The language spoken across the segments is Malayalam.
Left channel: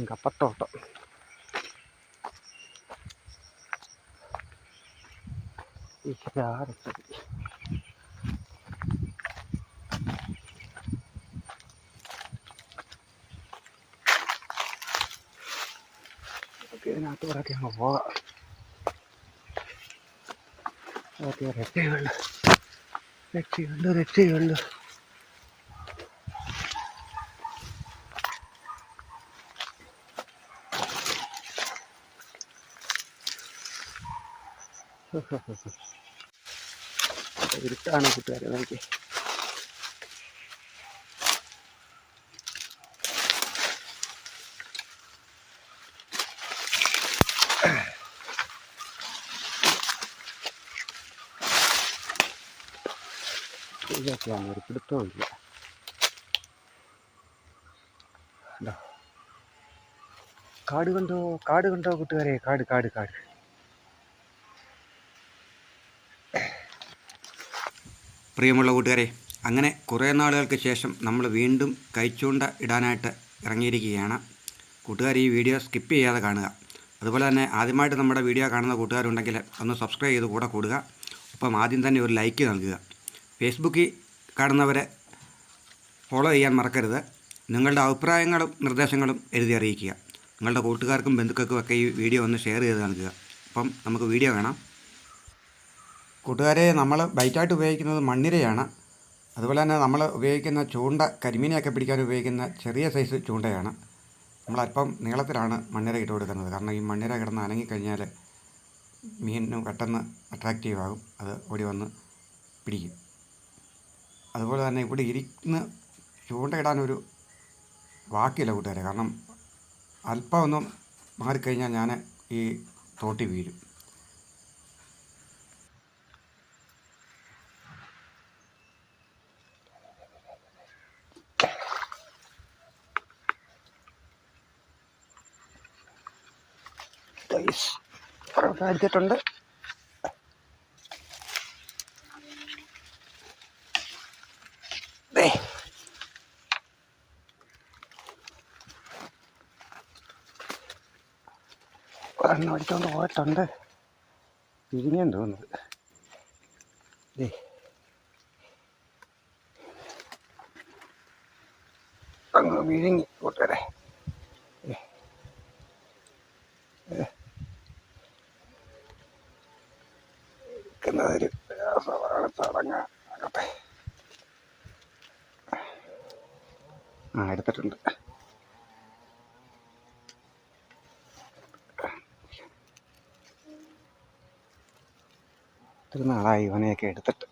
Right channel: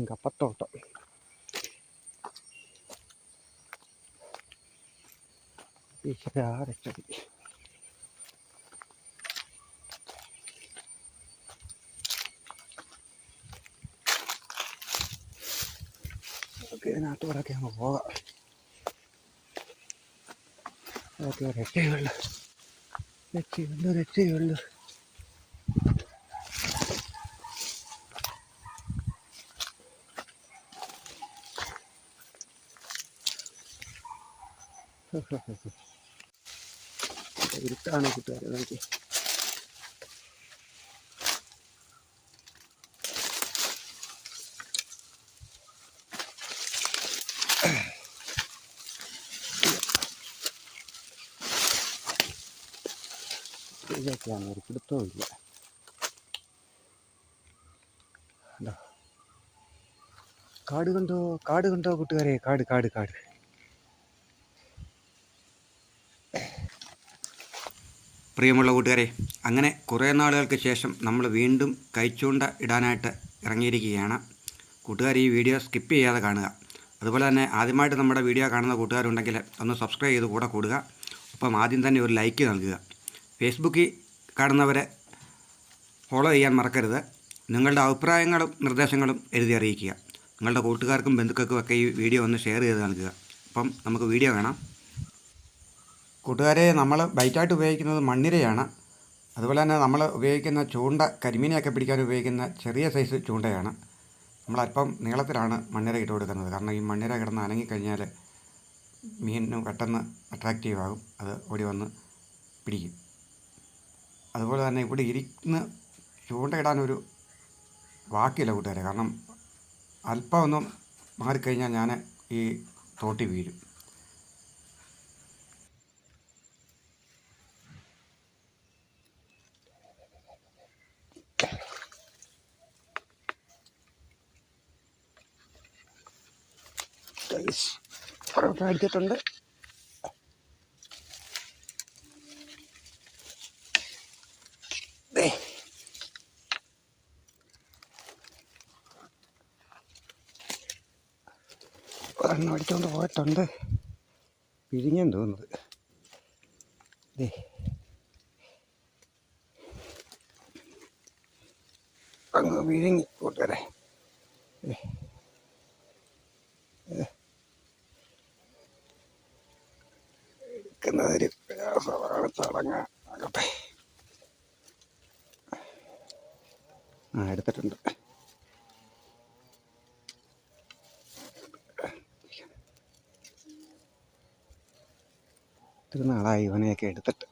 nggak petoh tok. Bisa ada tadi. ഈശ്വരാരക്ഷതി ഇതിനകത്തൂടൊക്കെ അങ്ങ് പോകാം ഓക്കെ രക്ഷയുള്ളു രക്ഷയുള്ളു രക്ഷയുള്ളു ഇരുട്ടാണ് കൂട്ടുകാരെ നോക്കി ഇതൊക്കെയാണ് ഒരു. കാട് കണ്ടോ? കാട് കണ്ടോ കൂട്ടുകാരെ? കാട് കാട് കാട്. പ്രിയമുള്ള കൂട്ടുകാരെ അങ്ങനെ കുറേ നാളുകൾക്ക് ശേഷം നമ്മൾ വീണ്ടും കൈച്ചൂണ്ട ഇടാനായിട്ട് ഇറങ്ങിയിരിക്കുകയാണ്. കൂട്ടുകാർ ഈ വീഡിയോ സ്കിപ്പ് ചെയ്യാതെ കാണുക. അതുപോലെ തന്നെ ആദ്യമായിട്ട് നമ്മുടെ വീഡിയോ കാണുന്ന കൂട്ടുകാരുണ്ടെങ്കിൽ ഒന്ന് സബ്സ്ക്രൈബ് ചെയ്ത് കൂടെ കൂടുക. ഒപ്പം ആദ്യം തന്നെ ഒരു ലൈക്ക് നൽകുക. ഫേസ്ബുക്കിൽ കാണുന്നവരെ ഫോളോ ചെയ്യാൻ മറക്കരുത്. നിങ്ങളുടെ അഭിപ്രായങ്ങളും നിർദ്ദേശങ്ങളും എഴുതി അറിയിക്കുക. നിങ്ങളുടെ കൂട്ടുകാർക്കും ബന്ധുക്കൾക്കും ഒക്കെ ഈ വീഡിയോ ഒന്ന് ഷെയർ ചെയ്ത് നൽകുക. അപ്പം നമുക്ക് വീഡിയോ കാണാം. കൂട്ടുകാരെ നമ്മൾ ബൈറ്റായിട്ട് ഉപയോഗിക്കുന്നത് മണ്ണിരയാണ്. അതുപോലെ തന്നെ നമ്മൾ ഉപയോഗിക്കുന്ന ചൂണ്ട കരിമീനെയൊക്കെ പിടിക്കാൻ ഉപയോഗിക്കുന്ന ചെറിയ സൈസ് ചൂണ്ടയാണ്. നമ്മൾ അല്പം നീളത്തിലാണ് മണ്ണിര ഇട്ട് കൊടുക്കുന്നത്. കാരണം ഈ മണ്ണിര കിടന്ന് അനങ്ങിക്കഴിഞ്ഞാൽ മീനിന് പെട്ടെന്ന് അട്രാക്റ്റീവ് ആകും. അത് ഓടി വന്ന് പിടിക്കും. അതുപോലെ തന്നെ ഇവിടെ ഇരിക്കുന്ന ചൂണ്ടയിടാനൊരു വാക്കില്ല കൂട്ടുകാരെ. കാരണം അല്പം ഒന്നും മാറിക്കഴിഞ്ഞാൽ ഞാൻ ഈ തോട്ടി വീഴും. ണ്ട് ഒരെണ്ണം അടിച്ചോണ്ട് പോയിട്ടുണ്ട് പിരിഞ്ഞാൻ തോന്നുന്നത്. അങ്ങ് വിഴുങ്ങി കൂട്ടരെ നിൽക്കുന്നതൊരു ചടങ്ങ്. ആകട്ടെ. ആ എടുത്തിട്ടുണ്ട്. നാളായി ഇവനെയൊക്കെ എടുത്തിട്ട്.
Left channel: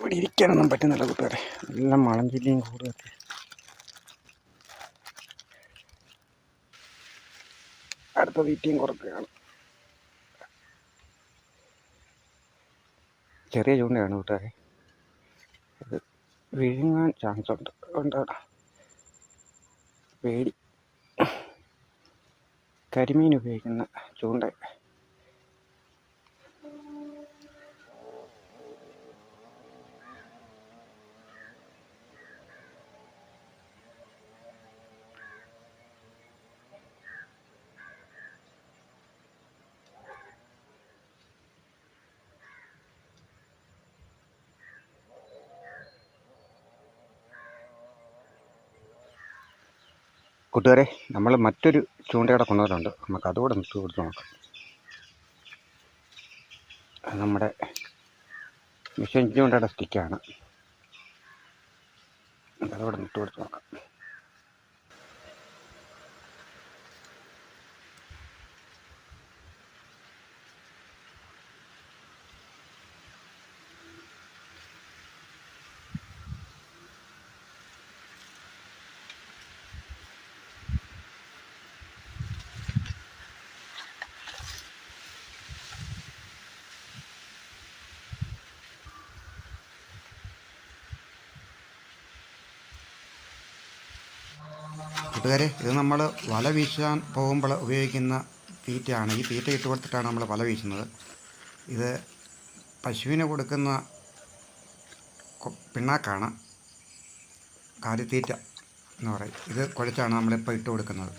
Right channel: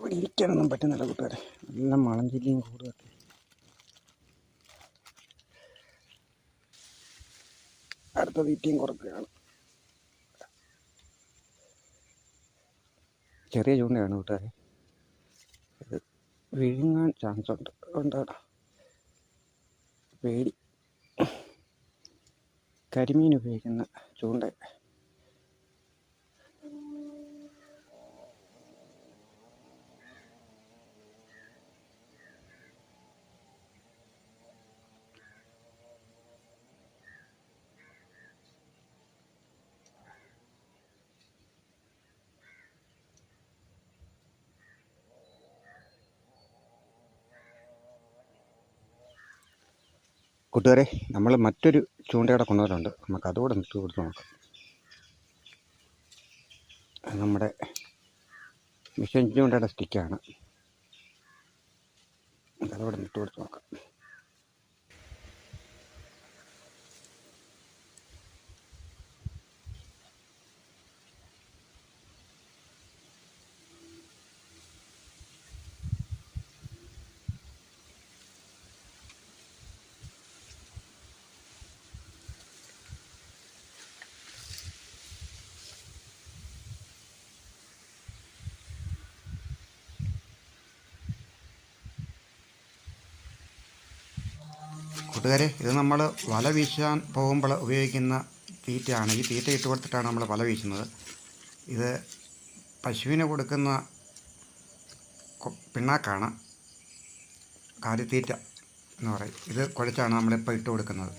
ഇവിടെ ഇരിക്കാനൊന്നും പറ്റുന്നില്ല കൂട്ടുകാരെ. എല്ലാം മളഞ്ചില്ലയും കൂടുതലൊക്കെ അടുത്ത തീറ്റയും കുറക്കുകയാണ്. ചെറിയ ചൂണ്ടയാണ് കൂട്ടുകാരെ. അത് വിഴുങ്ങാൻ ചാൻസ് ഉണ്ട്. അതുകൊണ്ടാണ് പേടി. കരിമീൻ ഉപയോഗിക്കുന്ന ചൂണ്ട. കൂട്ടുകാരെ നമ്മൾ മറ്റൊരു ചൂണ്ടയുടെ കൊണ്ടുവരുന്നുണ്ട് നമുക്ക് അതുകൂടെ നിർത്തി കൊടുത്ത് നോക്കാം. നമ്മുടെ മിഷൻ ചൂണ്ടയുടെ സ്റ്റിക്കാണ്. അതുകൂടെ നിർത്തി കൊടുത്ത് നോക്കാം. കൂട്ടുകാരെ ഇത് നമ്മൾ വല വീശാൻ പോകുമ്പോൾ ഉപയോഗിക്കുന്ന തീറ്റയാണ്. ഈ തീറ്റ ഇട്ട് കൊടുത്തിട്ടാണ് നമ്മൾ വല വീശുന്നത്. ഇത് പശുവിന് കൊടുക്കുന്ന പിണ്ണാക്കാണ്. കാലിത്തീറ്റ എന്ന് പറയും. ഇത് കുഴച്ചാണ് നമ്മളിപ്പോൾ ഇട്ട് കൊടുക്കുന്നത്.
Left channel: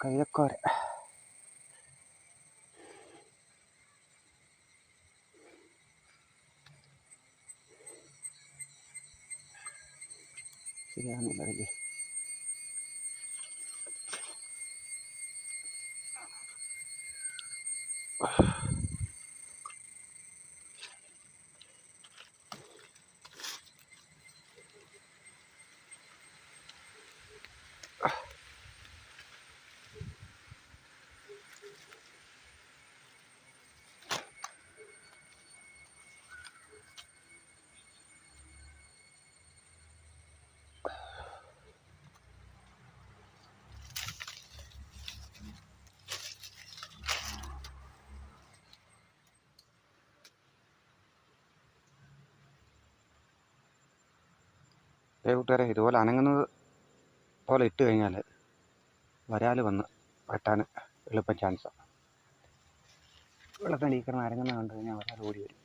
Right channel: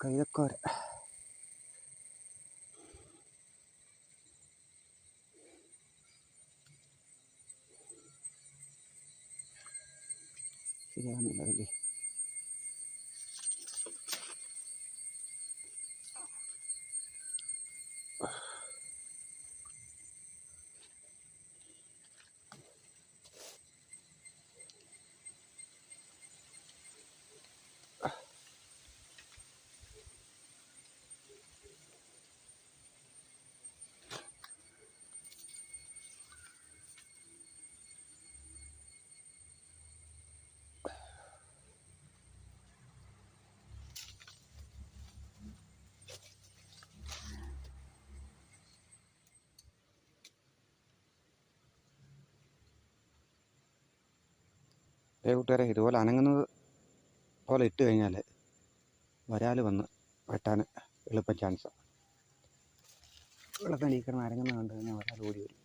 ಕೈದಕ್ಕೋರೆ ಸಿಗೋಣ ಬೆಳಗ್ಗೆ ഏ കൂട്ടുകാരെ ഇതുപോലെ അനങ്ങുന്നത് പോലെ ഇട്ട് കഴിഞ്ഞാൽ വരാൽ വന്ന് വെട്ടാൻ എളുപ്പം ചാൻസാണ് വെള്ളത്തിനടി കിടന്ന് അരങ്ങുന്ന കണ്ടു കഴിഞ്ഞാൽ വരാൽ ഓടി വരും.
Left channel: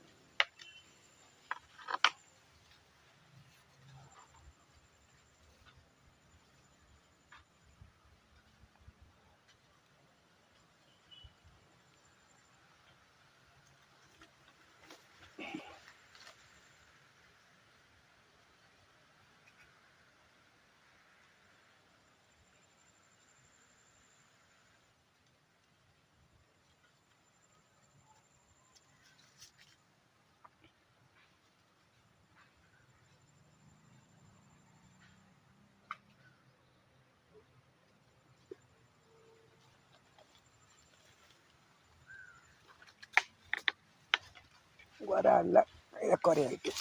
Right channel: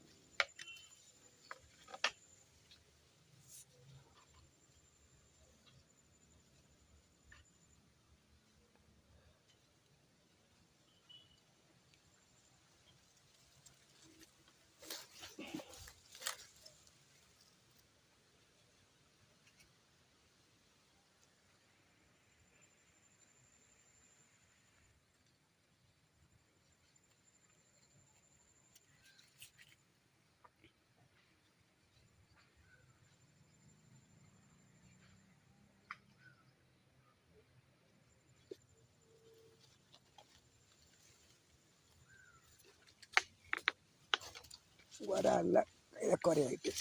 വരാല്ല കയ്യക്കോരയായിട്ട്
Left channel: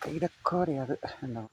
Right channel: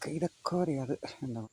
കൈതക്കോര അത് എന്താ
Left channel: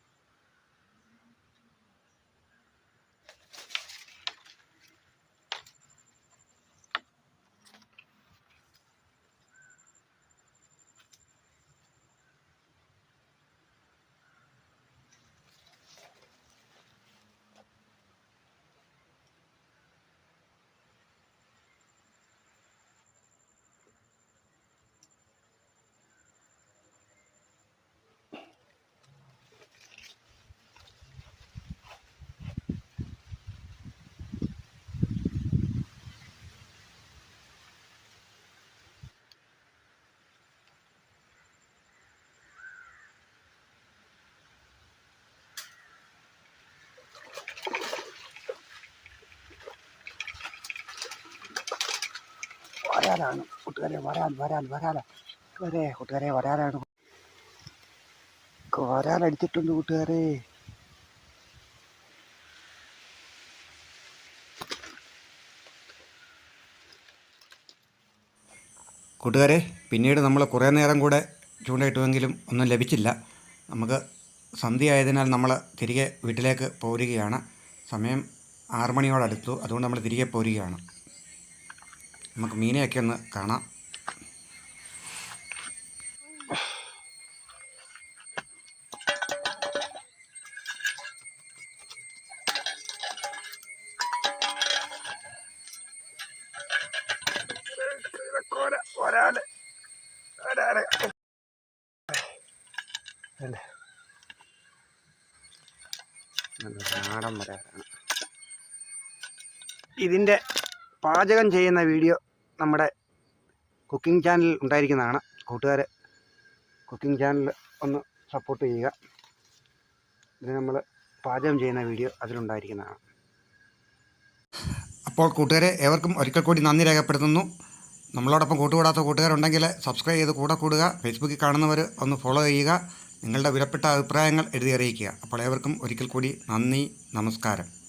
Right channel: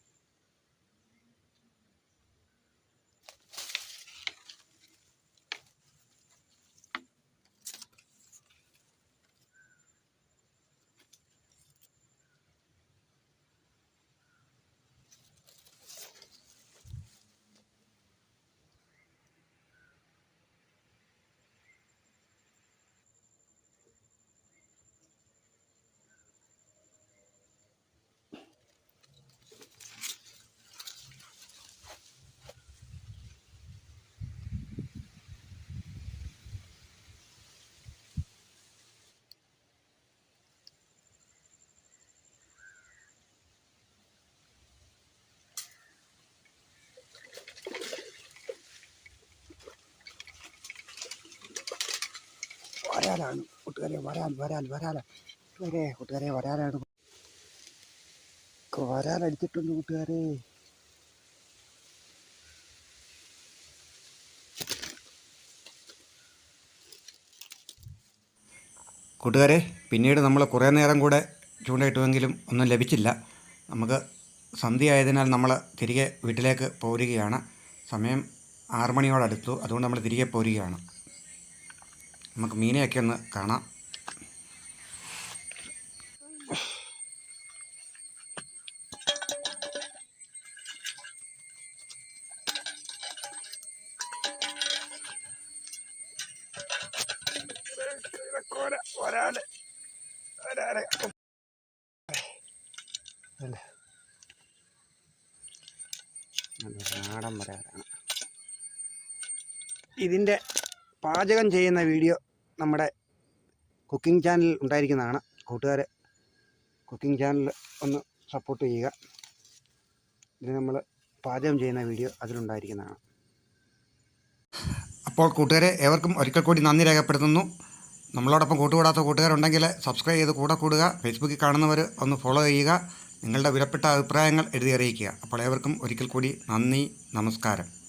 വരാലാണ് കൂട്ടുകാരെ വരാൻ വരാൻ വരാൻ കൂട്ടുകാരെ കൂട്ടുകാരെ വരാനാണ്. വരാനടിച്ചിട്ടുണ്ട് കൂട്ടുകാരെ. കൂട്ടുകാരെ പിന്നീട് നമ്മൾ കുറേ നേരം കൂടെ ചൂണ്ടയിട്ടുവെങ്കിലും ഒന്നും ലഭിച്ചില്ല. നമുക്ക് സന്ധ്യ ആയതിനാൽ നമ്മൾ തിരികെ വീട്ടിലേക്ക് പോരുകയാണ്. സമയം ആറ് മണിയോടടുത്തു. അതുകൊണ്ട് നമ്മൾ തിരികെ പോരുകയാണ്. നമുക്ക് മീനെയൊക്കെ ഒന്ന് കാണാം. ഇതിന്റെ നാടൻ വരാറാണ് ഇതിന്റെ പാചകം ചെയ്യുന്ന വീഡിയോ നമ്മുടെ കുക്കിംഗ് ചാനൽ ഉണ്ടായിരിക്കുന്നതാണ്. കൂട്ടുകാർ കുക്കിംഗ് ചാനൽ ഒന്ന് സപ്പോർട്ട് ചെയ്യുക. ഇത് നമ്മൾ പാചകം ചെയ്യുന്ന വീഡിയോ അതിലുണ്ടായിരിക്കുന്നതാണ്. അപ്പോൾ കൂട്ടുകാരെ ഏവർക്കും ഒരിക്കൽ കൂടി നന്ദി രേഖപ്പെടുത്തുന്നു. നമ്മളോടൊപ്പം കൂട്ടുകൂടാത്ത കൂട്ടുകാരുണ്ടെങ്കിൽ സബ്സ്ക്രൈബ് ചെയ്ത് കൂടെ കൂടുക. ഫേസ്ബുക്കിൽ കാണുന്നവർ ഒന്ന് ഫോളോ ചെയ്യുക. നിങ്ങളുടെ വിലപ്പെട്ട അഭിപ്രായങ്ങൾ എഴുതി അറിയിക്കുക. അപ്പോൾ ഏവർക്കും ഒരിക്കൽ കൂടി നന്ദി നമസ്കാരം.